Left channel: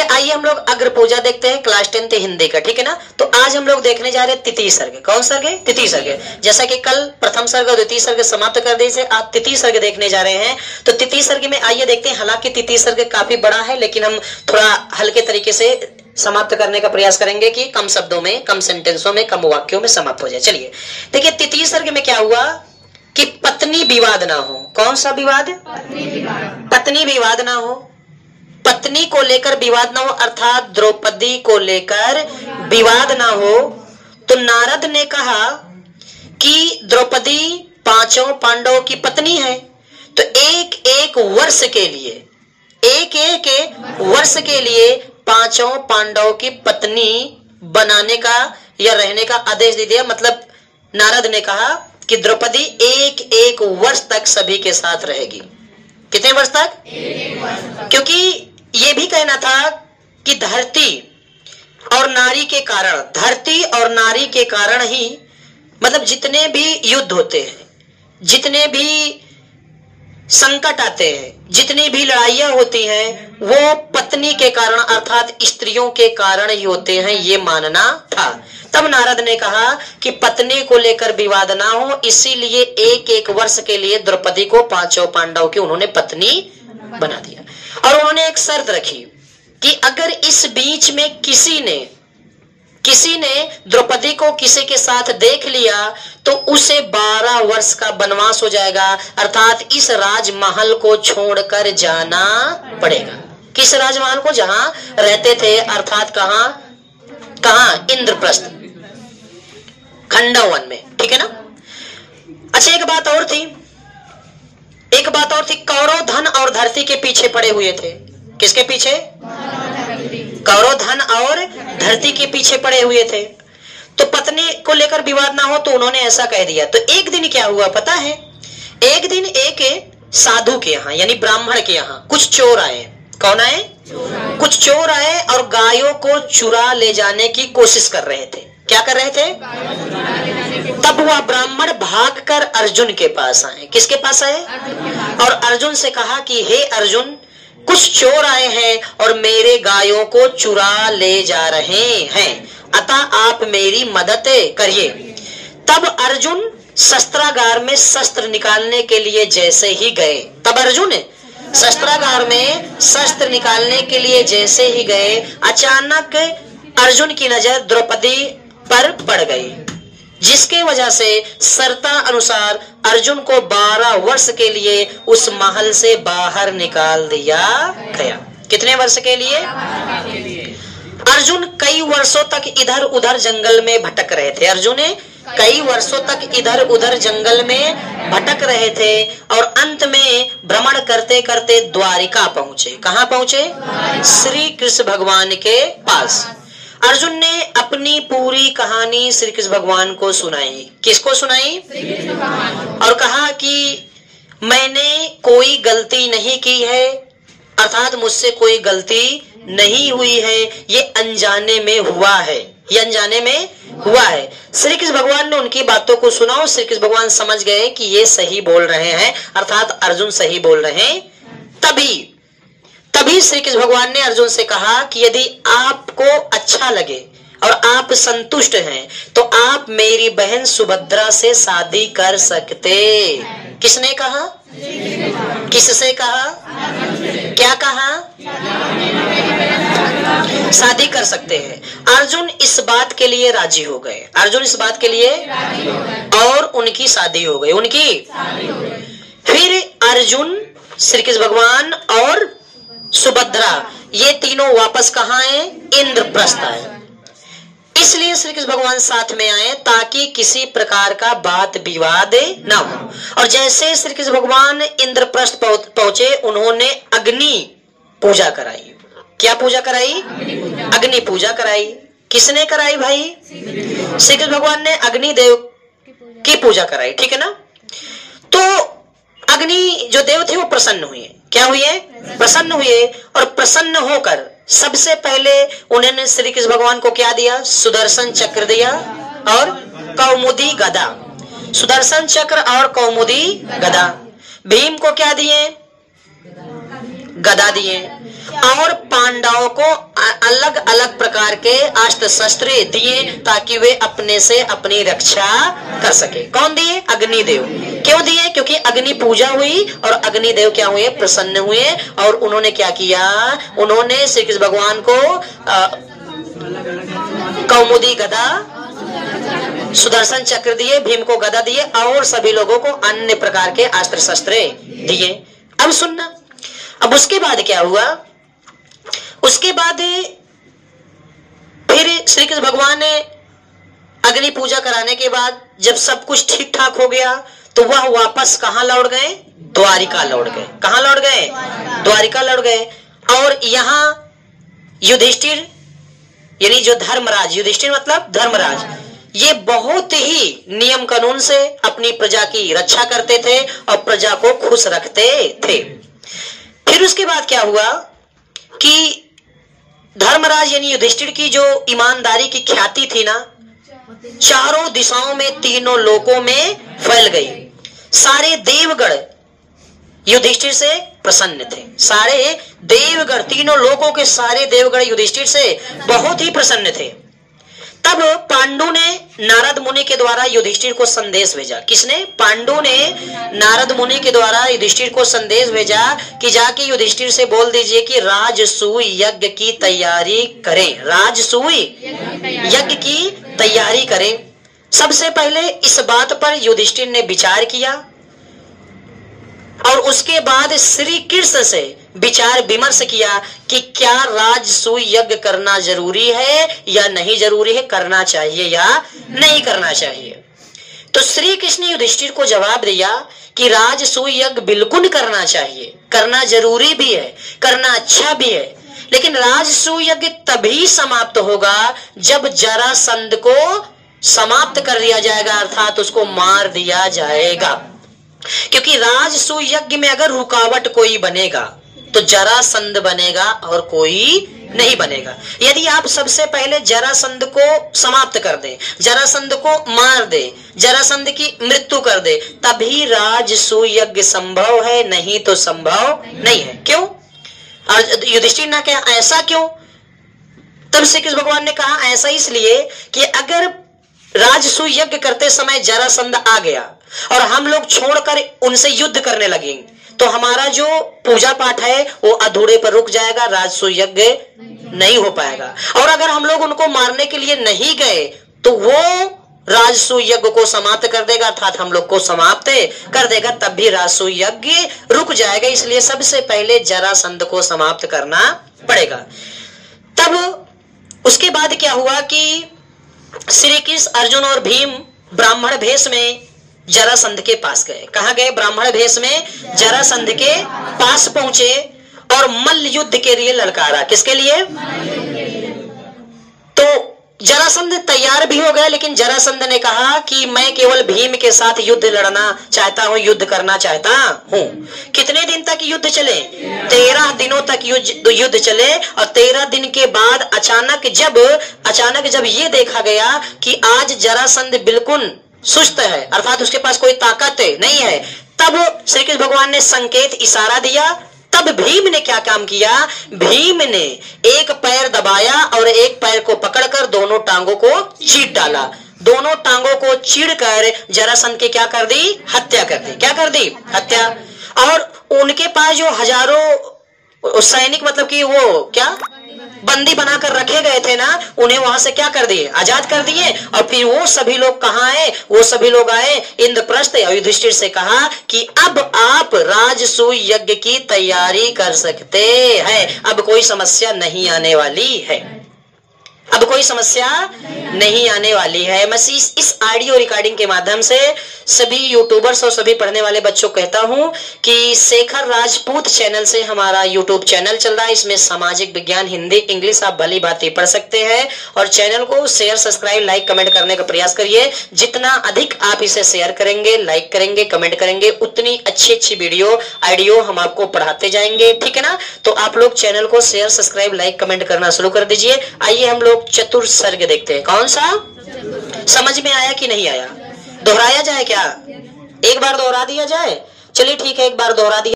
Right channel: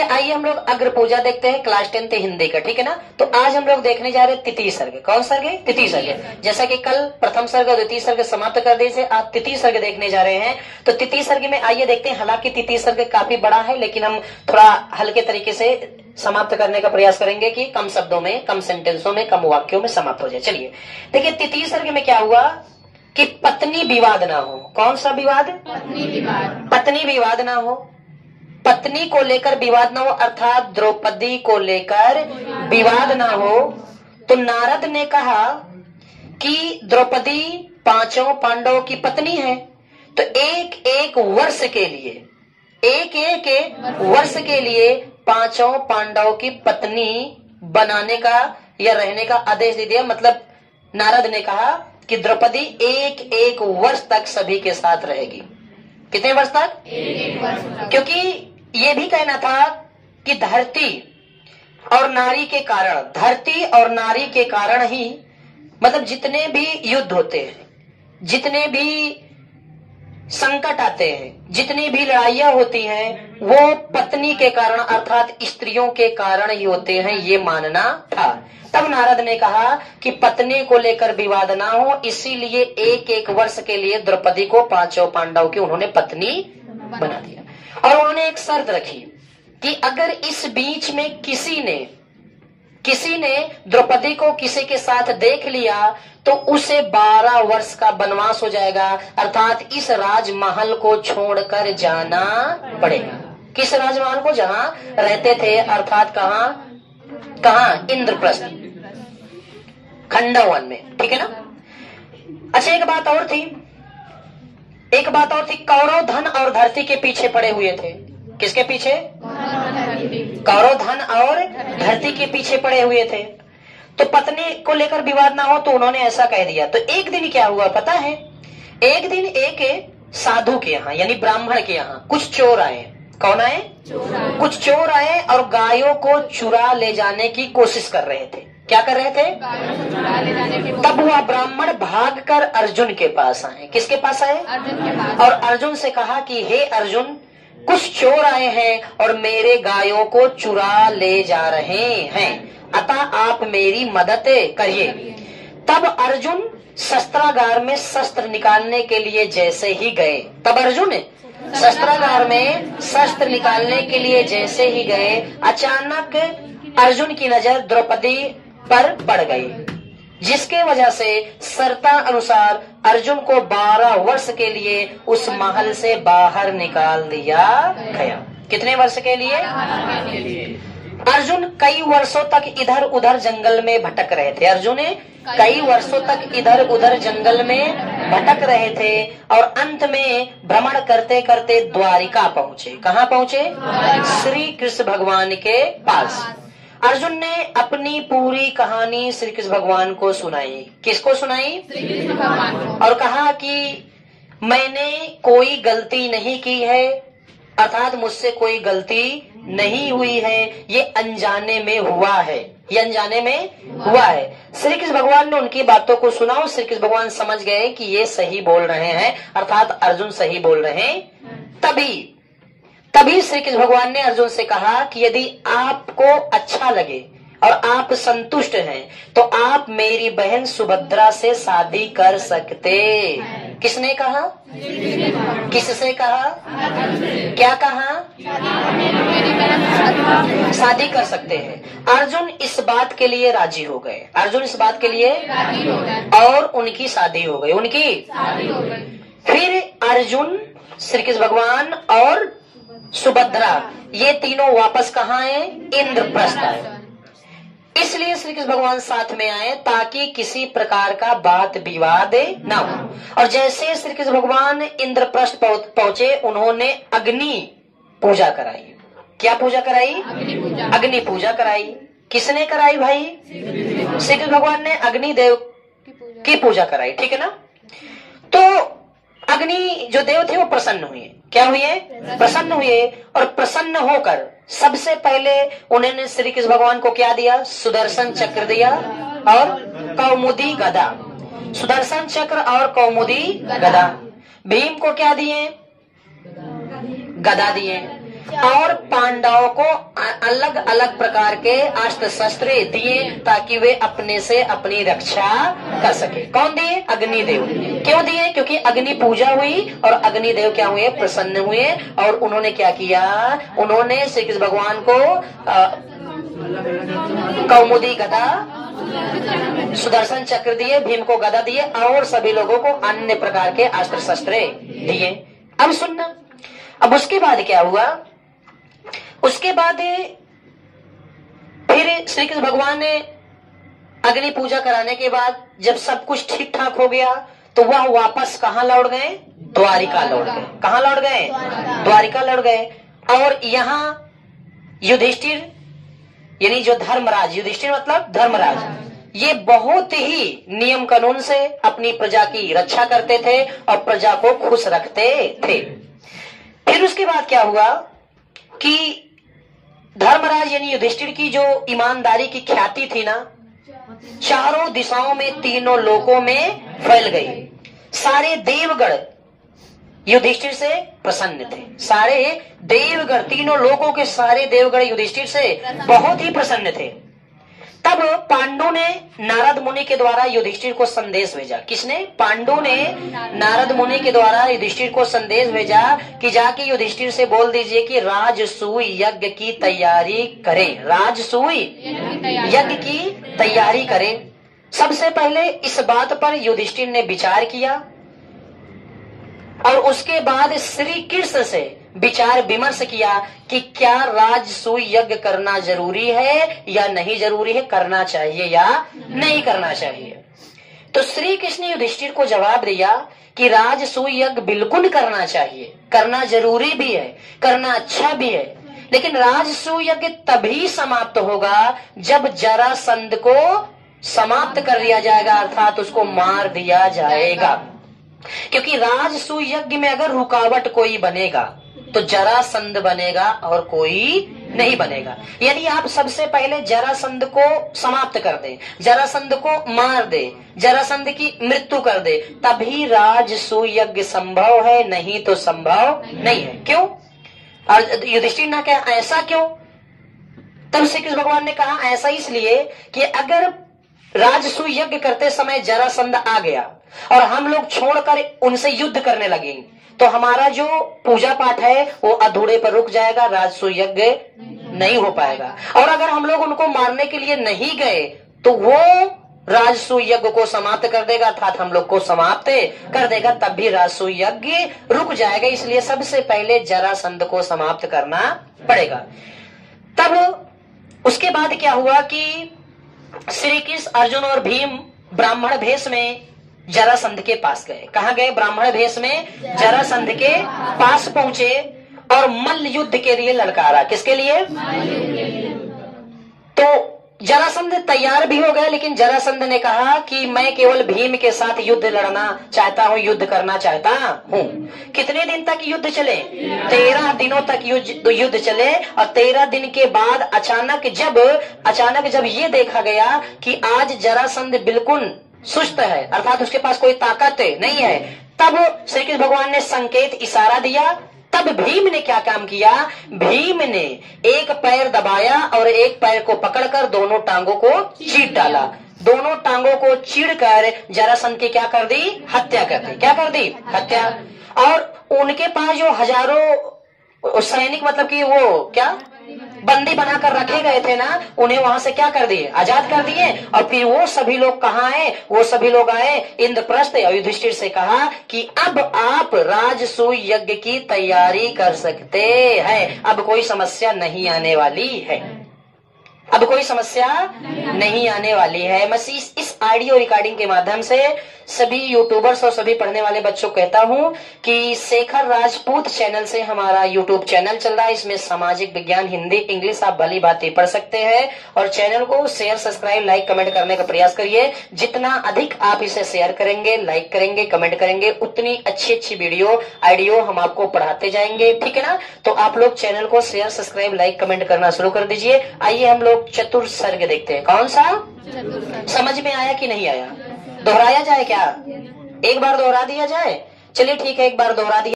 चलिए आइए हम लोग अग्र पूजा देखते हैं, क्लास 10 हिंदी का, ठीक है ना। तो आज हम लोग देखने जा रहे हैं तिथि सर्ग। कौन सर्ग है? तिथि सर्ग। जैसा कि कल प्रथम सर्ग और द्वितीय सर्ग समाप्त कर दिए, आज तिथि सर्ग देखने जा रहे हैं। तो तिथि सर्ग में आइए देखते हैं। हालांकि तिथि सर्ग काफी बड़ा है, लेकिन हम थोड़ा हल्के तरीके से समाप्त करने का प्रयास करेंगे कि कम शब्दों में, कम सेंटेंसों में, कम वाक्यों में समाप्त हो जाए। चलिए देखिए, तिथि सर्ग में क्या हुआ कि पत्नी विवाद ना हो। कौन सा विवाद? पत्नी विवाद ना हो। पत्नी को लेकर विवाद ना हो, अर्थात द्रौपदी को लेकर विवाद ना हो। तो नारद ने कहा कि द्रौपदी पांचों पांडवों की पत्नी है, तो एक एक वर्ष के लिए पांचों पांडवों की पत्नी बनाने का या रहने का आदेश दे दिया। मतलब नारद ने कहा कि द्रौपदी एक एक वर्ष तक सभी के साथ रहेगी। कितने वर्ष तक? क्योंकि ये भी कहना था कि धरती और नारी के कारण ही, मतलब जितने भी युद्ध होते हैं, जितने भी संकट आते हैं, जितनी भी लड़ाइयां होती हैं, वो पत्नी के कारण अर्थात स्त्रियों के कारण ही होते हैं, ये मानना था। तब नारद ने कहा कि पत्नी को लेकर विवाद ना हो, इसीलिए एक एक वर्ष के लिए द्रौपदी को पांचों पांडव की उन्होंने पत्नी बना दिया। और उन्होंने एक शर्त रखी कि अगर इस बीच में किसी ने द्रौपदी को किसी के साथ देख लिया तो उसे 12 वर्ष का वनवास हो जाएगा, अर्थात इस राजमहल को छोड़कर जाना पड़ेगा। किस राजमहल को? जहां रहते थे, अर्थात कहां? इंद्रप्रस्थ, खंडवन में, ठीक है ना। अच्छा, एक बात और थी, कौरव धन और धरती के पीछे पड़े हुए थे। किसके पीछे? कौरव धन और धरती के पीछे पड़े हुए थे। तो पत्नी को लेकर विवाद ना हो, तो उन्होंने ऐसा कह दिया। तो एक दिन क्या हुआ पता है? एक दिन एक साधु के यहाँ, यानी ब्राह्मण के यहाँ कुछ चोर आए। कौन आए? कुछ चोर आए और गायों को चुरा ले जाने की कोशिश कर रहे थे। क्या कर रहे थे? तब वह ब्राह्मण भागकर अर्जुन के पास आए। किसके पास आए? और अर्जुन से कहा कि हे अर्जुन, कुछ चोर आए हैं और मेरे गायों को चुरा ले जा रहे हैं, अतः आप मेरी मदद करिए। तब अर्जुन शस्त्रागार में शस्त्र निकालने के लिए जैसे ही गए, अचानक अर्जुन की नजर द्रौपदी पर पड़ गई, जिसके वजह से शर्ता अनुसार अर्जुन को 12 वर्ष के लिए उस महल से बाहर निकाल दिया गया। कितने वर्ष के लिए? अर्जुन कई वर्षों तक इधर उधर जंगल में भटक रहे थे। जंगल में भटक रहे थे और अंत में भ्रमण करते करते द्वारिका पहुंचे। कहाँ पहुंचे? श्री कृष्ण भगवान के पास। अर्जुन ने अपनी पूरी कहानी श्री कृष्ण भगवान को सुनाई। किसको सुनाई? और कहा कि मैंने कोई गलती नहीं की है, अर्थात मुझसे कोई गलती नहीं हुई है, ये अनजाने में हुआ है। श्री कृष्ण भगवान ने उनकी बातों को सुना और श्री कृष्ण भगवान समझ गए कि ये सही बोल रहे हैं, अर्थात अर्जुन सही बोल रहे हैं। तभी श्री कृष्ण भगवान ने अर्जुन से कहा कि यदि आपको अच्छा लगे और आप संतुष्ट हैं तो आप मेरी बहन सुभद्रा से शादी कर सकते। किसने कहा? किससे कहा? क्या कहा? शादी कर सकते हैं। अर्जुन इस बात के लिए राजी हो गए। और उनकी शादी हो गई। फिर अर्जुन, श्री कृष्ण भगवान और सुभद्रा, ये तीनों वापस कहाँ आए? इंद्रप्रस्थ आए। इसलिए श्री कृष्ण भगवान साथ में आए ताकि किसी प्रकार का बात विवाद ना हो। और जैसे श्री कृष्ण भगवान इंद्रप्रस्थ पहुंचे, उन्होंने अग्नि पूजा कराई। क्या पूजा कराई? अग्नि पूजा कराई। किसने कराई भाई? श्री कृष्ण भगवान ने अग्नि देव की पूजा कराई, ठीक है ना। तो अग्नि जो देव थे वो प्रसन्न हुए। क्या हुए? प्रसन्न हुए। और प्रसन्न होकर सबसे पहले उन्होंने श्री कृष्ण भगवान को क्या दिया? सुदर्शन चक्र दिया और कौमुदी गदा। सुदर्शन चक्र और कौमुदी गदा। भीम को क्या दिए? गदा दिए। और पांडवों को अलग अलग प्रकार के अस्त्र शस्त्र दिए ताकि वे अपने से अपनी रक्षा कर सके। कौन दिए? अग्निदेव। क्यों दिए? क्योंकि अग्नि पूजा हुई और अग्निदेव क्या हुए? प्रसन्न हुए। और उन्होंने क्या किया? उन्होंने श्री कृष्ण भगवान को कौमुदी गदा, सुदर्शन चक्र दिए, भीम को गदा दिए और सभी लोगों को अन्य प्रकार के अस्त्र शस्त्र दिए। अब सुनना, अब उसके बाद क्या हुआ? उसके बाद फिर श्री कृष्ण भगवान ने अग्नि पूजा कराने के बाद जब सब कुछ ठीक ठाक हो गया तो वह वापस कहां लौट गए? द्वारिका लौट गए। कहां लौट गए? द्वारिका लौट गए। और यहां युधिष्ठिर यानी जो धर्मराज, युधिष्ठिर मतलब धर्मराज, ये बहुत ही नियम कानून से अपनी प्रजा की रक्षा करते थे और प्रजा को खुश रखते थे। फिर उसके बाद क्या हुआ कि धर्मराज यानी युधिष्ठिर की जो ईमानदारी की ख्याति थी ना, चारों दिशाओं में, तीनों लोकों में फैल गई। सारे देवगण युधिष्ठिर से प्रसन्न थे। सारे देवगण, तीनों लोकों के सारे देवगण युधिष्ठिर से बहुत ही प्रसन्न थे। तब पांडु ने नारद मुनि के द्वारा युधिष्ठिर को संदेश भेजा। किसने? पांडु ने नारद मुनि के द्वारा युधिष्ठिर को संदेश भेजा कि जाके युधिष्ठिर से बोल दीजिए कि राजसूय यज्ञ की तैयारी करें। राजसूय यज्ञ की तैयारी करें। सबसे पहले इस बात पर युधिष्ठिर ने विचार किया और उसके बाद श्री कृष्ण से विचार विमर्श किया कि क्या राजसूय यज्ञ करना जरूरी है या नहीं जरूरी है, करना चाहिए या नहीं करना चाहिए। तो श्री कृष्ण ने युधिष्ठिर को जवाब दिया कि राजसूय यज्ञ बिल्कुल करना चाहिए, करना जरूरी भी है, करना अच्छा भी है, लेकिन राजसूय यज्ञ तभी समाप्त होगा जब जरासंध को समाप्त कर दिया जाएगा, अर्थात उसको मार दिया जाएगा। क्योंकि राजसूय यज्ञ में अगर रुकावट कोई बनेगा तो जरासंध बनेगा और कोई नहीं बनेगा। यदि आप सबसे पहले जरासंध को समाप्त कर दे, जरासंध को मार दे, जरासंध की मृत्यु कर दे, तभी राजसूय यज्ञ संभव है, नहीं तो संभव नहीं है। क्यों? और युधिष्ठिर ने कहा ऐसा क्यों? तब श्री कृष्ण भगवान ने कहा ऐसा इसलिए कि अगर राजसूय यज्ञ करते समय जरासंध आ गया और हम लोग छोड़कर उनसे युद्ध करने लगे तो हमारा जो पूजा पाठ है वो अधूरे पर रुक जाएगा, राजसूय यज्ञ नहीं हो पाएगा। और अगर हम लोग उनको मारने के लिए नहीं गए तो वो राजसूय यज्ञ को समाप्त कर देगा, अर्थात हम लोग को समाप्त कर देगा, तब भी राजसूय यज्ञ रुक जाएगा। इसलिए सबसे पहले जरासंध को समाप्त करना पड़ेगा। तब उसके बाद क्या हुआ कि श्री कृष्ण, अर्जुन और भीम ब्राह्मण भेष में जरासंध के पास गए। कहां गए? ब्राह्मण भेष में जरासंध के पास पहुंचे और मल्ल युद्ध के लिए ललकारा। किसके लिए? तो जरासंध तैयार भी हो गया, लेकिन जरासंध ने कहा कि मैं केवल भीम के साथ युद्ध लड़ना चाहता हूं, युद्ध करना चाहता हूं। कितने दिन तक युद्ध चले? 13 दिनों तक युद्ध चले। और 13 दिन के बाद अचानक जब ये देखा गया कि आज जरासंध बिल्कुल सुस्त है, अर्थात उसके पास कोई ताकत नहीं है, तब श्री कृष्ण भगवान ने संकेत, इशारा दिया। तब भीम ने क्या काम किया? भीम ने एक पैर दबाया और एक पैर को पकड़कर दोनों टांगों को चीर डाला। दोनों टांगों को चीरकर जरासंध की क्या कर दी? हत्या कर दी। क्या कर दी? हत्या। और उनके पास जो हजारों सैनिक, मतलब कि वो क्या बंदी बनाकर रखे गए थे ना, उन्हें वहां से क्या कर दिए? आजाद कर दिए। और फिर वो सभी लोग कहाँ आए? वो सभी लोग आए इंद्रप्रस्थ। युधिष्ठिर से कहा कि अब आप राजसूय यज्ञ की तैयारी कर सकते हैं, अब कोई समस्या नहीं आने वाली है, अब कोई समस्या नहीं आने वाली है। मैं इस ऑडियो रिकॉर्डिंग के माध्यम से सभी यूट्यूबर्स और सभी पढ़ने वाले बच्चों को कहता हूं कि शेखर राजपूत चैनल से हमारा यूट्यूब चैनल चल रहा है। इसमें सामाजिक विज्ञान, हिंदी, इंग्लिश आप भली बातें पढ़ सकते हैं। और चैनल को शेयर, सब्सक्राइब, लाइक, कमेंट करने का प्रयास करिए। जितना अधिक आप इसे शेयर करेंगे, लाइक करेंगे, कमेंट करेंगे, उतनी अच्छी वीडियो ऑडियो हम आपको पढ़ाते जाएंगे। ठीक है ना? तो आप लोग चैनल को शेयर, सब्सक्राइब, लाइक, कमेंट करना शुरू कर दीजिए। आइए हम लोग चतुर्सर्ग देखते हैं। कौन सा? समझ में आया कि नहीं आया? दोहराया जाए क्या? एक बार दोहरा दिया जाए? चलिए ठीक है, एक बार दोहरा दिया।